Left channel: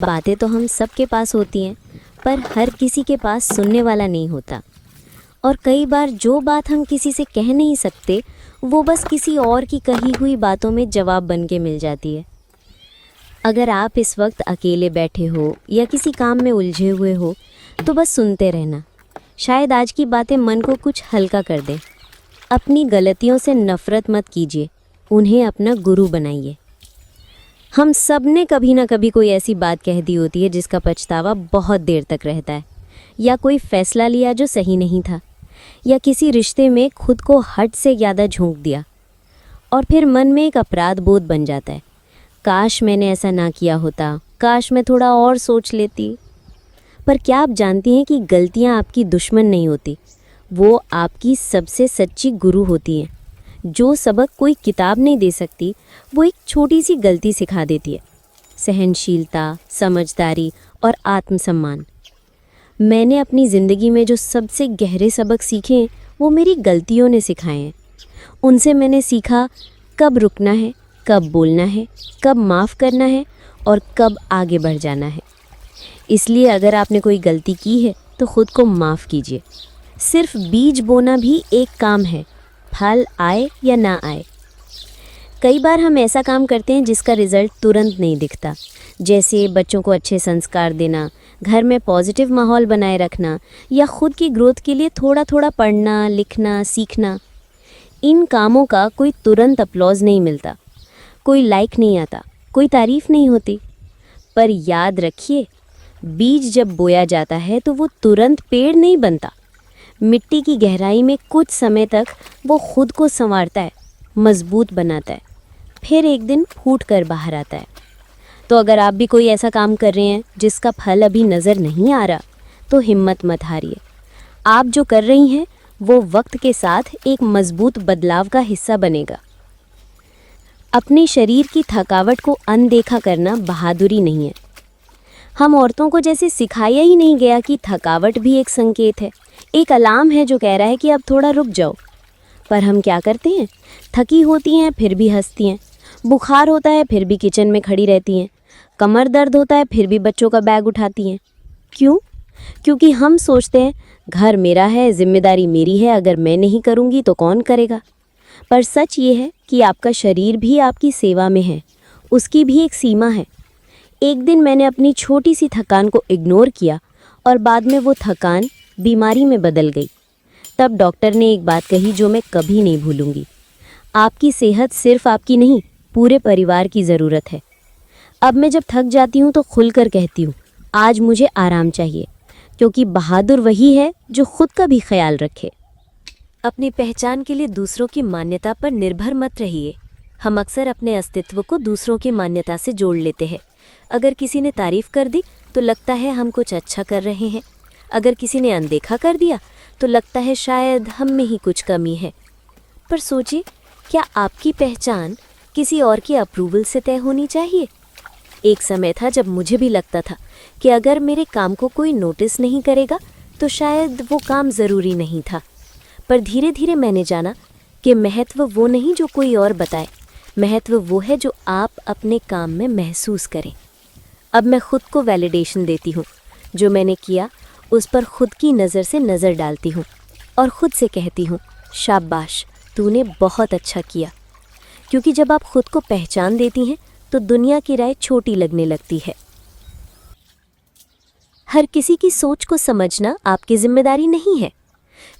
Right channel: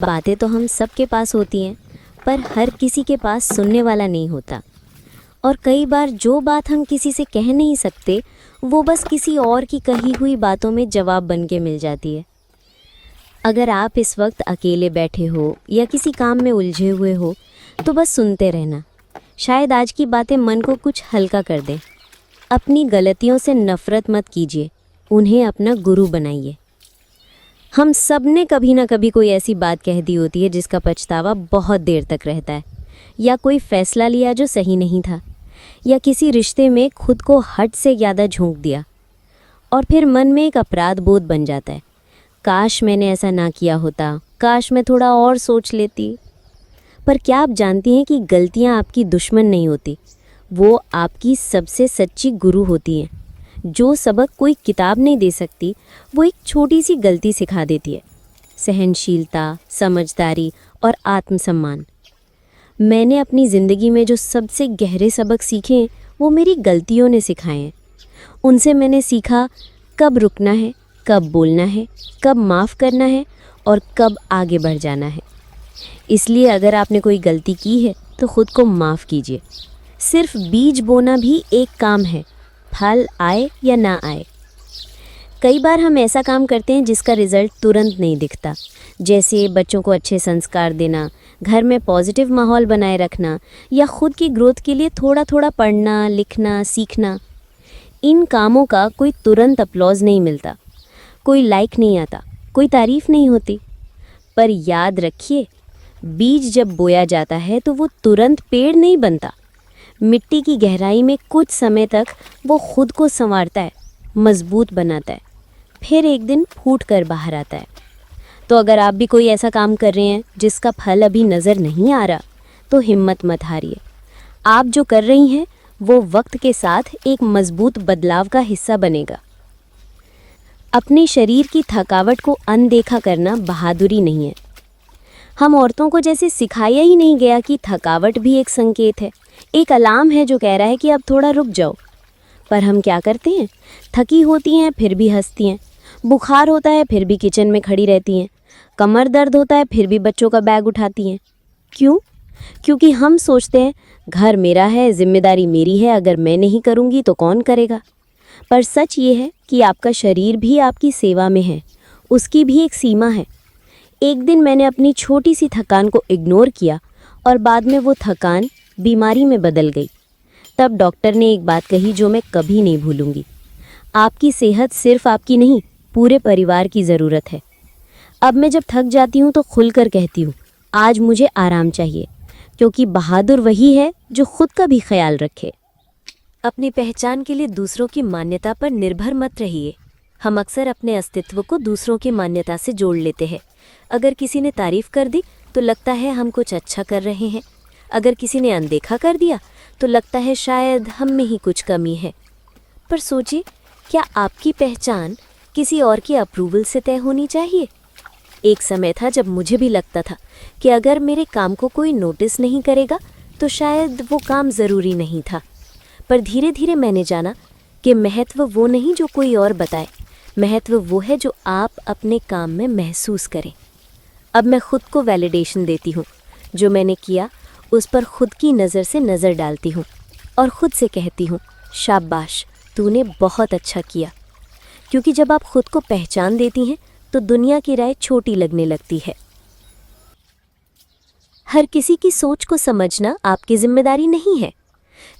बातें तो हम सब के पास होती हैं, पर हर किसी के पास सुनने वाला नहीं होता। और कई बार जो बात हम किसी से कह नहीं सकते, वो बस किसी और की कही हुई बातों में जवाब बन के मिल जाती है। अगर आप इस वक्त अकेले बैठे हो या किसी काम में उलझे हुए हो, तो बस सुनते रहना। शायद आज की बातें मन को कुछ हल्का कर दें। अपनी गलतियों से नफरत मत कीजिए, उन्हें अपना गुरु बनाइए। हम सब ने कभी ना कभी कोई ऐसी बात कह दी होती है जिसका पछतावा बहुत देर तक रहता है, या कोई फैसला लिया जो सही नहीं था, या किसी रिश्ते में खुद को हद से ज़्यादा झोंक दिया, और फिर मन में एक अपराध बोध बन जाता है। काश मैंने ऐसा ना किया होता, काश मैं थोड़ा और सोच लेती। पर क्या आप जानती हैं कि गलतियां आपकी दुश्मन नहीं होती, वो आपकी सबसे सच्ची गुरु होती हैं। जो सबक कोई किताब नहीं दे सकती, वो एक छोटी सी गलती सिखा देती है। सहनशीलता, समझदारी और आत्मसम्मान। मैंने अपनी ज़िंदगी में जो सबसे गहरे सबक सीखे, वो मेरी गलतियों ने सिखाए हैं। उनसे मैंने सीखा कब रुकना है, कब बोलना है, कब माफ़ करना है और कब आगे बढ़ जाना है। इसलिए अगर आपने कोई गलती की है तो ख़ुद को माफ़ कीजिए। सिर्फ बीज बोना भी एक काम है, फल आए या ना आए। कई बार हम ऐसा काम करते हैं जिसका रिज़ल्ट तुरंत नहीं दिखता, जैसे बच्चों को अच्छे संस्कार देना, घर में पॉजिटिव माहौल बनाए रखना, या खुद की ग्रोथ के लिए थोड़ा थोड़ा पढ़ना, लिखना, सीखना। इन कामों का कोई तुरंत अपलॉज नहीं मिलता, कोई लाइक नहीं आता, कोई तारीफ़ नहीं होती। पर याद रखिए, बीज जब बोया जाता है तो वो तुरंत पेड़ नहीं बनता। मिट्टी की गहराई में कुछ समय तक वो खुद को संवारता है, मजबूत बनाता है, फिर एक दिन फूट कर बाहर आता है। तो अगर आप भी कोई ऐसा काम कर रहे हैं जिसका फल अभी नज़र नहीं आ रहा, तो हिम्मत मत हारिए। आप जो कर रही हैं वो वक्त के साथ एक मजबूत बदलाव का हिस्सा बनेगा। अपने शरीर की थकावट को अनदेखा करना बहादुरी नहीं है। हम औरतों को जैसे सिखाया ही नहीं गया कि थकावट भी एक संकेत है, एक अलार्म है जो कह रहा है कि अब थोड़ा रुक जाओ। पर हम क्या करते हैं, थकी होती हैं फिर भी हंसती हैं, बुखार होता है फिर भी किचन में खड़ी रहती हैं, कमर दर्द होता है फिर भी बच्चों का बैग उठाती हैं। क्यों? क्योंकि हम सोचते हैं घर मेरा है, जिम्मेदारी मेरी है, अगर मैं नहीं करूँगी तो कौन करेगा। पर सच ये है कि आपका शरीर भी आपकी सेवा में है, उसकी भी एक सीमा है। एक दिन मैंने अपनी छोटी सी थकान को इग्नोर किया और बाद में वो थकान बीमारी में बदल गई। तब डॉक्टर ने एक बात कही जो मैं कभी नहीं भूलूंगी। आपकी सेहत सिर्फ आपकी नहीं, पूरे परिवार की ज़रूरत है। अब मैं जब थक जाती हूँ तो खुलकर कहती हूँ, आज मुझे आराम चाहिए, क्योंकि बहादुर वही है जो खुद का भी ख्याल रखे। अपनी पहचान के लिए दूसरों की मान्यता पर निर्भर मत रहिए। हम अक्सर अपने अस्तित्व को दूसरों की मान्यता से जोड़ लेते हैं। अगर किसी ने तारीफ़ कर दी तो लगता है हम कुछ अच्छा कर रहे हैं, अगर किसी ने अनदेखा कर दिया तो लगता है शायद हम में ही कुछ कमी है। पर सोचिए, क्या आपकी पहचान किसी और के अप्रूवल से तय होनी चाहिए? एक समय था जब मुझे भी लगता था कि अगर मेरे काम को कोई नोटिस नहीं करेगा तो शायद वो काम ज़रूरी नहीं था। पर धीरे धीरे मैंने जाना कि महत्व वो नहीं जो कोई और बताए, महत्व वो है जो आप अपने काम में महसूस करें। अब मैं खुद को वैलिडेशन देती हूँ। जो मैंने किया उस पर खुद की नज़र से नज़र डालती हूँ और ख़ुद से कहती हूँ, शाबाश, तूने बहुत अच्छा किया। क्योंकि जब आप खुद को पहचान देती हैं तो दुनिया की राय छोटी लगने लगती है। हर किसी की सोच को समझना आपकी जिम्मेदारी नहीं है।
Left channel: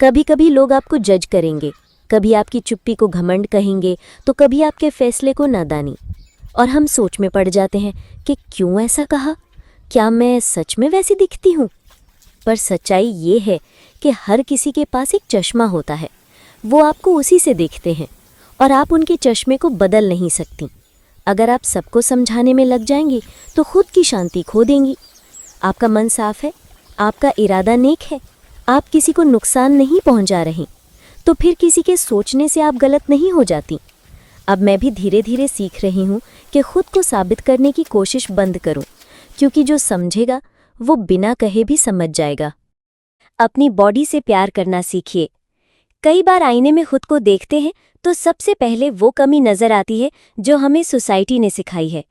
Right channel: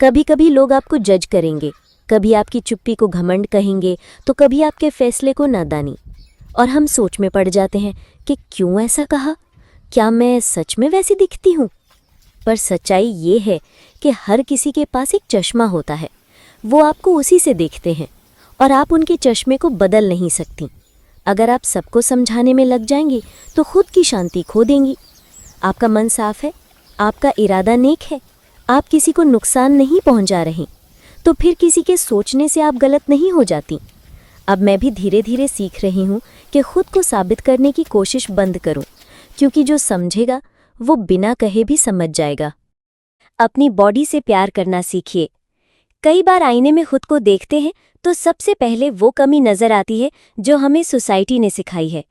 कभी कभी लोग आपको जज करेंगे, कभी आपकी चुप्पी को घमंड कहेंगे, तो कभी आपके फैसले को नादानी। और हम सोच में पड़ जाते हैं कि क्यों ऐसा कहा, क्या मैं सच में वैसी दिखती हूँ? पर सच्चाई ये है कि हर किसी के पास एक चश्मा होता है, वो आपको उसी से देखते हैं और आप उनके चश्मे को बदल नहीं सकती। अगर आप सबको समझाने में लग जाएंगी तो खुद की शांति खो देंगी। आपका मन साफ है, आपका इरादा नेक है, आप किसी को नुकसान नहीं पहुंचा रही, तो फिर किसी के सोचने से आप गलत नहीं हो जाती। अब मैं भी धीरे धीरे सीख रही हूँ कि खुद को साबित करने की कोशिश बंद करूँ, क्योंकि जो समझेगा वो बिना कहे भी समझ जाएगा। अपनी बॉडी से प्यार करना सीखिए। कई बार आईने में खुद को देखते हैं तो सबसे पहले वो कमी नज़र आती है जो हमें सोसाइटी ने सिखाई है।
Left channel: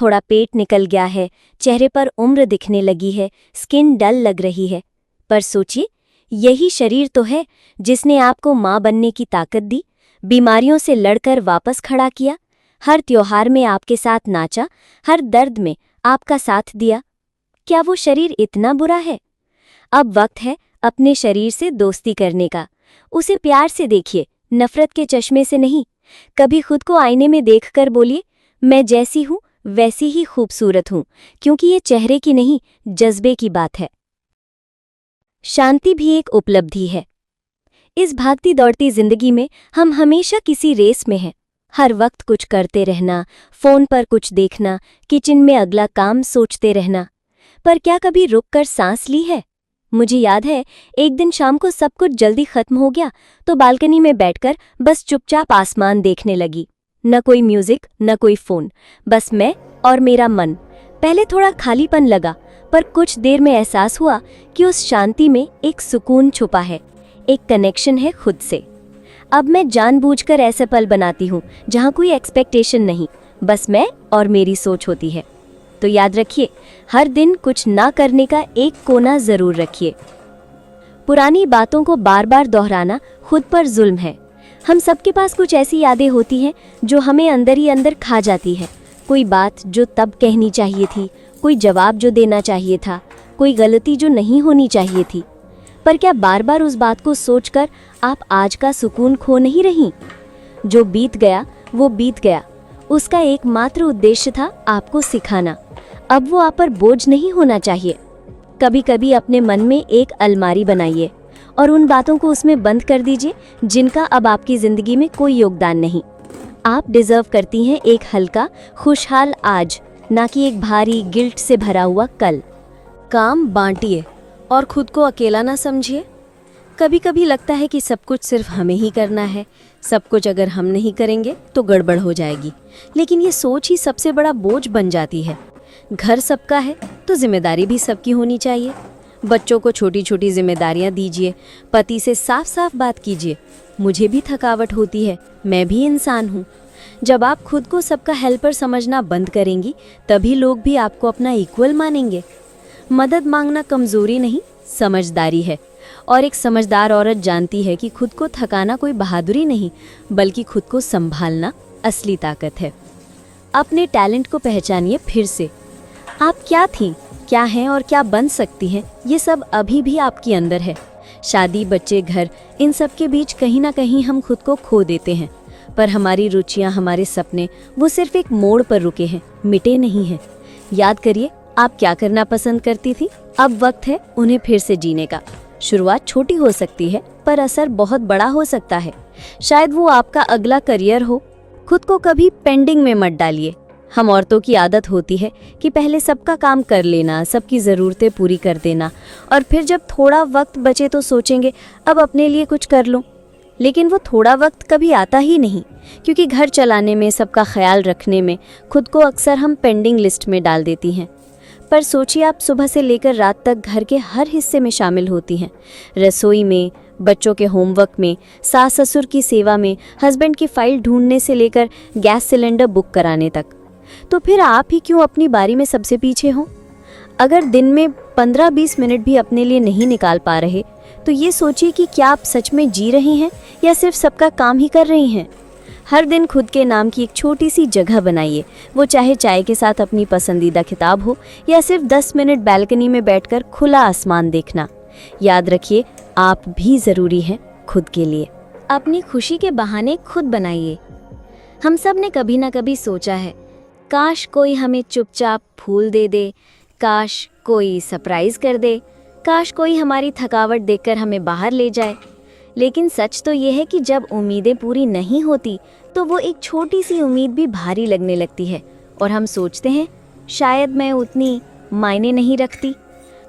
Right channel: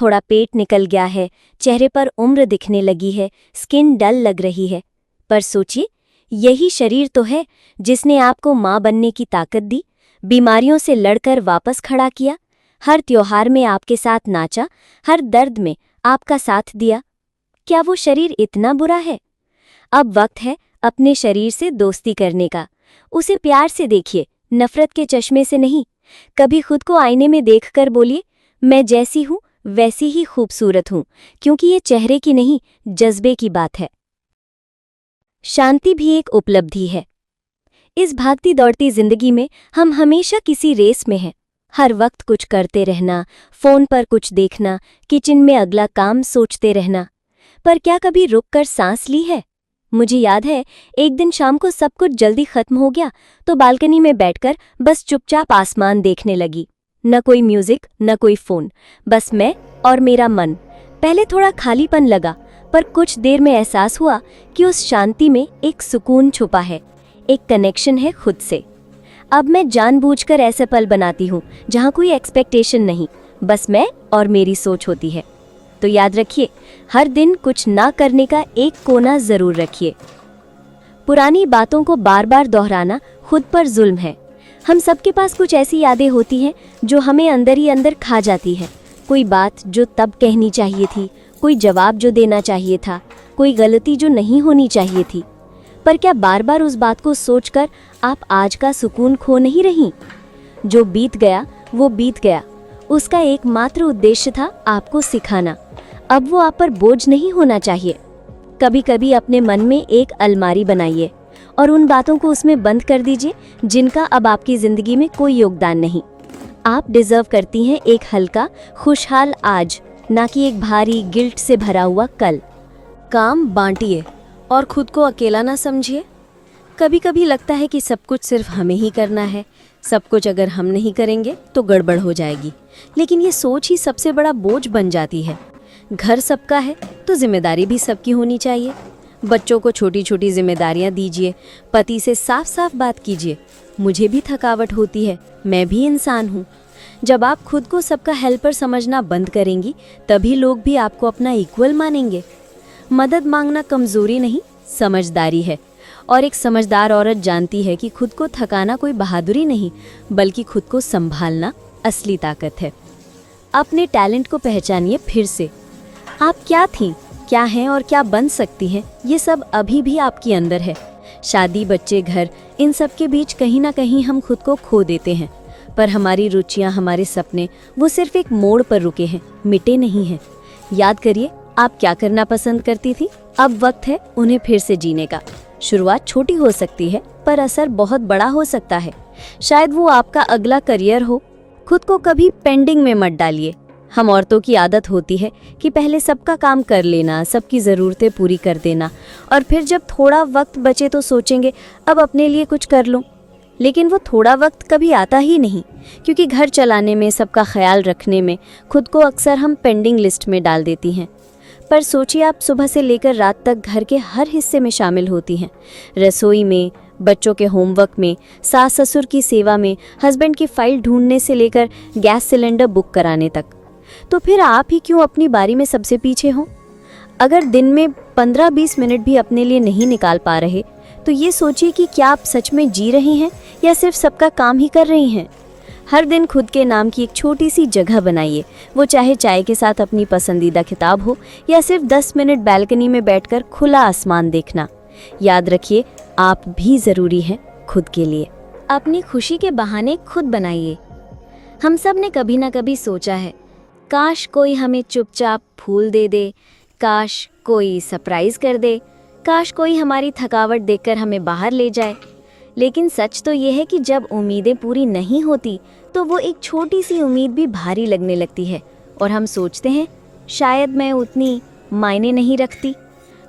थोड़ा पेट निकल गया है, चेहरे पर उम्र दिखने लगी है, स्किन डल लग रही है। पर सोचिए, यही शरीर तो है जिसने आपको माँ बनने की ताकत दी, बीमारियों से लड़कर वापस खड़ा किया, हर त्योहार में आपके साथ नाचा, हर दर्द में आपका साथ दिया। क्या वो शरीर इतना बुरा है? अब वक्त है अपने शरीर से दोस्ती करने का। उसे प्यार से देखिए, नफरत के चश्मे से नहीं। कभी खुद को आईने में देखकर बोलिए, मैं जैसी हूँ वैसी ही खूबसूरत हूँ, क्योंकि ये चेहरे की नहीं, जज्बे की बात है। शांति भी एक उपलब्धि है। इस भागती दौड़ती जिंदगी में हम हमेशा किसी रेस में हैं। हर वक्त कुछ करते रहना, फोन पर कुछ देखना, किचन में अगला काम सोचते रहना। पर क्या कभी रुककर सांस ली है? मुझे याद है, एक दिन शाम को सब कुछ जल्दी खत्म हो गया तो बालकनी में बैठकर बस चुपचाप आसमान देखने लगी। न कोई म्यूजिक, न कोई फोन, बस मैं और मेरा मन। पहले थोड़ा खालीपन लगा, पर कुछ देर में एहसास हुआ कि उस शांति में एक सुकून छुपा है, एक कनेक्शन है खुद से। अब मैं जानबूझकर ऐसे पल बनाती हूँ जहाँ कोई एक्सपेक्टेशन नहीं, बस मैं और मेरी सोच होती है। तो याद रखिए, हर दिन कुछ ना करने का एक कोना जरूर रखिए। पुरानी बातों को बार बार दोहराना खुद पर जुल्म है। हम सबके पास कुछ ऐसी यादें होती हैं जो हमें अंदर ही अंदर खा जाती है। कोई बात जो तब कहनी चाहिए थी, कोई जवाब जो देना चाहिए था, कोई गलती जो नहीं होनी चाहिए थी। पर क्या बार बार उस बात को सोचकर आप आज का सुकून खो नहीं रही? जो बीत गया वो बीत गया, उसका एकमात्र उद्देश्य था आपको सिखाना। अब वो आप पर बोझ नहीं होना चाहिए। कभी कभी अपने मन में एक अलमारी बनाइए और उन बातों को उसमें बंद कर दीजिए जिनका अब आपकी जिंदगी में कोई योगदान नहीं। आप डिजर्व करती हैं एक हल्का, खुशहाल आज, ना कि एक भारी गिल्ट से भरा हुआ कल। काम बांटिए और खुद को अकेला ना समझिए। कभी कभी लगता है कि सब कुछ सिर्फ हमें ही करना है, सब कुछ अगर हम नहीं करेंगे तो गड़बड़ हो जाएगी। लेकिन ये सोच ही सबसे बड़ा बोझ बन जाती है। घर सबका है तो जिम्मेदारी भी सबकी होनी चाहिए। बच्चों को छोटी छोटी जिम्मेदारियां दीजिए, पति से साफ साफ बात कीजिए, मुझे भी थकावट होती है, मैं भी इंसान हूँ। जब आप खुद को सबका हेल्पर समझना बंद करेंगी, तभी लोग भी आपको अपना इक्वल मानेंगे। मदद मांगना कमजोरी नहीं, समझदारी है। और एक समझदार औरत जानती है कि खुद को थकाना कोई बहादुरी नहीं, बल्कि खुद को संभालना असली ताकत है। अपने टैलेंट को पहचानिए फिर से। आप क्या थीं, क्या हैं और क्या बन सकती हैं, ये सब अभी भी आपके अंदर है। शादी, बच्चे, घर, इन सब के बीच कहीं ना कहीं हम खुद को खो देते हैं। पर हमारी रुचियां, हमारे सपने, वो सिर्फ एक मोड़ पर रुके हैं, मिटे नहीं हैं। याद करिए, आप क्या करना पसंद करती थी। अब वक्त है उन्हें फिर से जीने का। शुरुआत छोटी हो सकती है, पर असर बहुत बड़ा हो सकता है। शायद वो आपका अगला करियर हो। खुद को कभी पेंडिंग में मत डालिए। हम औरतों की आदत होती है कि पहले सबका काम कर लेना, सबकी ज़रूरतें पूरी कर देना, और फिर जब थोड़ा वक्त बचे तो सोचेंगे अब अपने लिए कुछ कर लूं। लेकिन वो थोड़ा वक्त कभी आता ही नहीं, क्योंकि घर चलाने में, सबका ख्याल रखने में खुद को अक्सर हम पेंडिंग लिस्ट में डाल देती हैं। पर सोचिए, आप सुबह से लेकर रात तक घर के हर हिस्से में शामिल होती हैं। रसोई में, बच्चों के होमवर्क में, सास ससुर की सेवा में, हस्बैंड की फाइल ढूंढने से लेकर गैस सिलेंडर बुक कराने तक। तो फिर आप ही क्यों अपनी बारी में सबसे पीछे हो? अगर दिन में 15-20 मिनट भी अपने लिए नहीं निकाल पा रहे, तो ये सोचिए कि क्या आप सच में जी रही हैं या सिर्फ सबका काम ही कर रही हैं। हर दिन खुद के नाम की एक छोटी सी जगह बनाइए, वो चाहे चाय के साथ अपनी पसंदीदा किताब हो या सिर्फ 10 मिनट बालकनी में बैठकर खुला आसमान देखना। याद रखिए, आप भी ज़रूरी हैं खुद के लिए। अपनी खुशी के बहाने खुद बनाइए। हम सब ने कभी ना कभी सोचा है, काश कोई हमें चुपचाप फूल दे दे, काश कोई सरप्राइज कर दे, काश कोई हमारी थकावट देखकर हमें बाहर ले जाए। लेकिन सच तो ये है कि जब उम्मीदें पूरी नहीं होती, तो वो एक छोटी सी उम्मीद भी भारी लगने लगती है और हम सोचते हैं शायद मैं उतनी मायने नहीं रखती।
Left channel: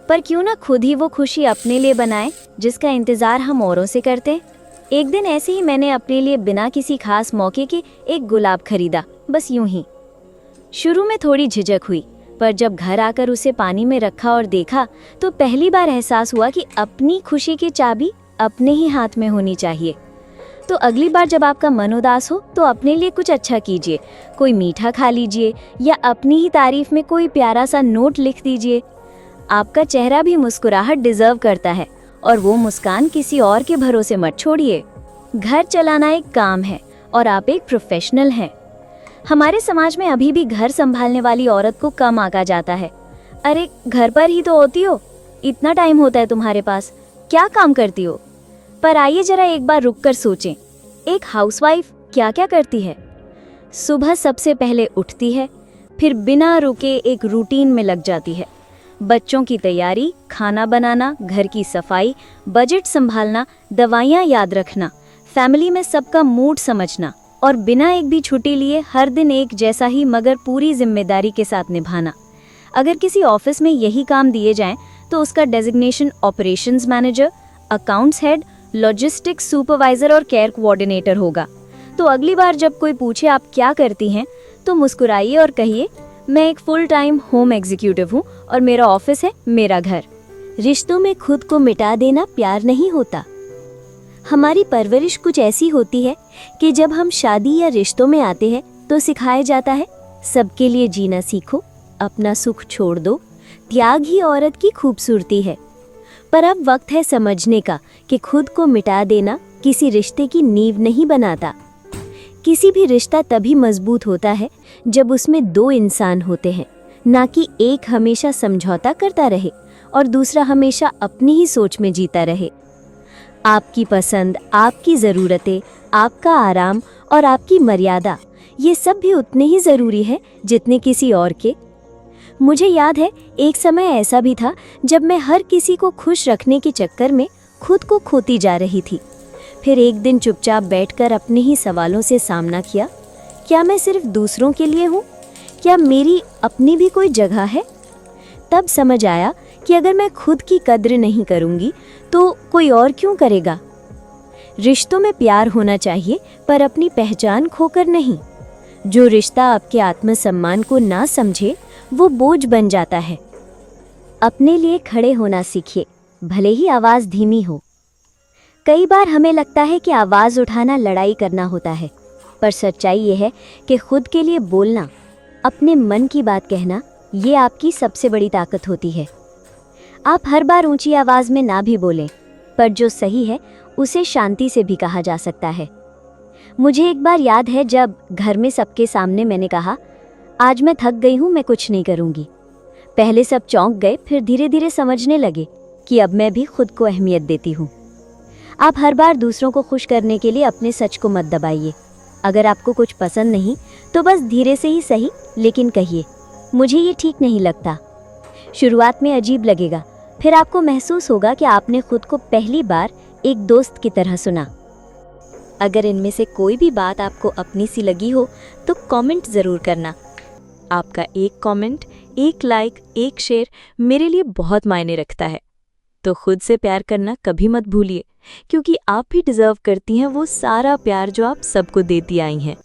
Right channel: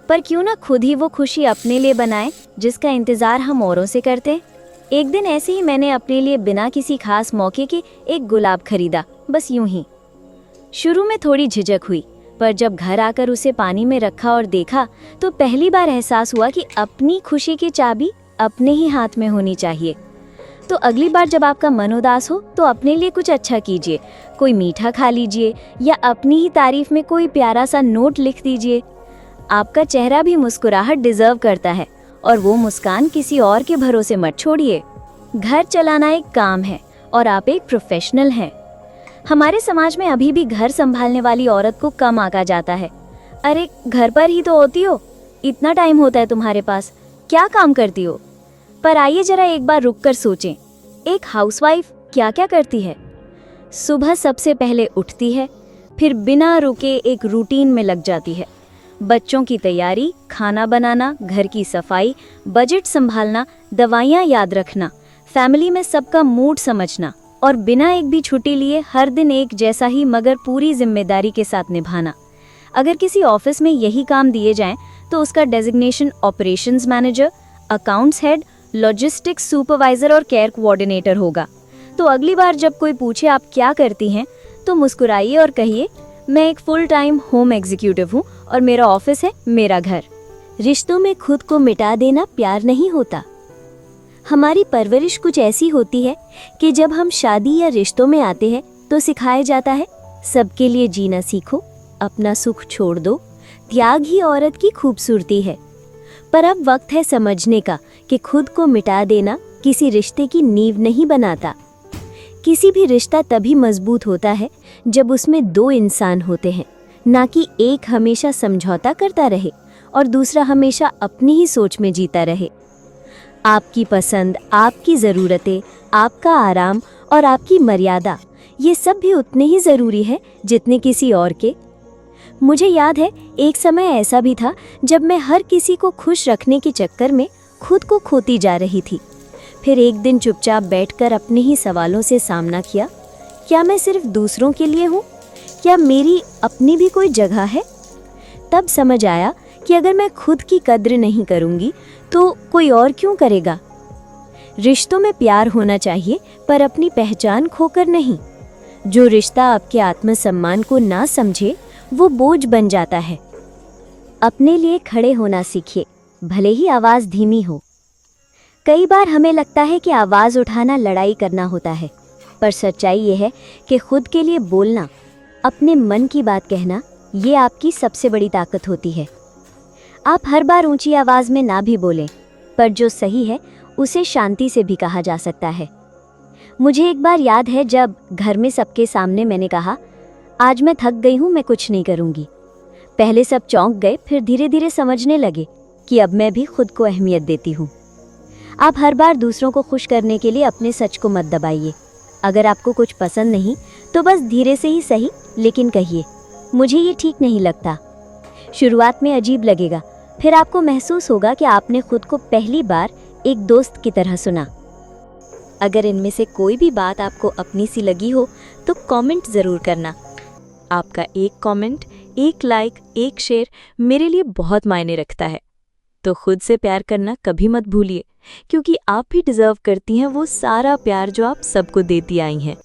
पर क्यों ना खुद ही वो खुशी अपने लिए बनाए जिसका इंतज़ार हम औरों से करते हैं। एक दिन ऐसे ही मैंने अपने लिए बिना किसी खास मौके के एक गुलाब खरीदा, बस यूं ही। शुरू में थोड़ी झिझक हुई, पर जब घर आकर उसे पानी में रखा और देखा, तो पहली बार एहसास हुआ कि अपनी खुशी की चाबी अपने ही हाथ में होनी चाहिए। तो अगली बार जब आपका मन उदास हो तो अपने लिए कुछ अच्छा कीजिए, कोई मीठा खा लीजिए या अपनी ही तारीफ में कोई प्यारा सा नोट लिख दीजिए। आपका चेहरा भी मुस्कुराहट डिजर्व करता है और वो मुस्कान किसी और के भरोसे मत छोड़िए। घर चलाना एक काम है और आप एक प्रोफेशनल है। हमारे समाज में अभी भी घर संभालने वाली औरत को कम आंका जाता है। अरे घर पर ही तो होती हो, इतना टाइम होता है तुम्हारे पास, क्या काम करती हो? पर आइए जरा एक बार रुक कर सोचें, एक हाउसवाइफ क्या क्या करती है? सुबह सबसे पहले उठती है, फिर बिना रुके एक रूटीन में लग जाती है। बच्चों की तैयारी, खाना बनाना, घर की सफाई, बजट संभालना, दवाइयाँ याद रखना, फैमिली में सबका मूड समझना और बिना एक भी छुट्टी लिए हर दिन एक जैसा ही मगर पूरी जिम्मेदारी के साथ निभाना। अगर किसी ऑफिस में यही काम दिए जाएं तो उसका designation operations manager, accounts head, logistics supervisor और केयर कोऑर्डिनेटर होगा। तो अगली बार जब कोई पूछे आप क्या करती हैं तो मुस्कुराइए और कहिए, मैं एक फुल टाइम होम एग्जीक्यूटिव हूँ और मेरा ऑफिस है मेरा घर। रिश्तों में खुद को मिटा देना प्यार नहीं होता। हमारी परवरिश कुछ ऐसी होती है कि जब हम शादी या रिश्तों में आते हैं तो सिखाया जाता है, सबके लिए जीना सीखो, अपना सुख छोड़ दो, त्याग ही औरत की खूबसूरती है। पर अब वक्त है समझने का कि खुद को मिटा देना किसी रिश्ते की नींव नहीं बनाता। किसी भी रिश्ता तभी मजबूत होता है जब उसमें दो इंसान होते हैं, ना कि एक हमेशा समझौता करता रहे और दूसरा हमेशा अपनी ही सोच में जीता रहे। आपकी पसंद, आपकी ज़रूरतें, आपका आराम और आपकी मर्यादा, ये सब भी उतने ही ज़रूरी है जितने किसी और के। मुझे याद है एक समय ऐसा भी था जब मैं हर किसी को खुश रखने के चक्कर में खुद को खोती जा रही थी। फिर एक दिन चुपचाप बैठकर अपने ही सवालों से सामना किया, क्या मैं सिर्फ दूसरों के लिए हूँ? क्या मेरी अपनी भी कोई जगह है? तब समझ आया कि अगर मैं खुद की कद्र नहीं करूँगी तो कोई और क्यों करेगा। रिश्तों में प्यार होना चाहिए पर अपनी पहचान खोकर नहीं। जो रिश्ता आपके आत्मसम्मान को ना समझे वो बोझ बन जाता है। अपने लिए खड़े होना सीखिए, भले ही आवाज धीमी हो। कई बार हमें लगता है कि आवाज उठाना लड़ाई करना होता है, पर सच्चाई ये है कि खुद के लिए बोलना, अपने मन की बात कहना, ये आपकी सबसे बड़ी ताकत होती है। आप हर बार ऊंची आवाज में ना भी बोलें, पर जो सही है उसे शांति से भी कहा जा सकता है। मुझे एक बार याद है जब घर में सबके सामने मैंने कहा, आज मैं थक गई हूँ, मैं कुछ नहीं करूँगी। पहले सब चौंक गए, फिर धीरे धीरे समझने लगे कि अब मैं भी खुद को अहमियत देती हूँ। आप हर बार दूसरों को खुश करने के लिए अपने सच को मत दबाइए। अगर आपको कुछ पसंद नहीं तो बस धीरे से ही सही लेकिन कहिए, मुझे ये ठीक नहीं लगता। शुरुआत में अजीब लगेगा, फिर आपको महसूस होगा कि आपने खुद को पहली बार एक दोस्त की तरह सुना। अगर इनमें से कोई भी बात आपको अपनी सी लगी हो तो कमेंट ज़रूर करना। आपका एक कमेंट, एक लाइक, एक शेयर मेरे लिए बहुत मायने रखता है। तो खुद से प्यार करना कभी मत भूलिए, क्योंकि आप भी डिजर्व करती हैं वो सारा प्यार जो आप सबको देती आई हैं।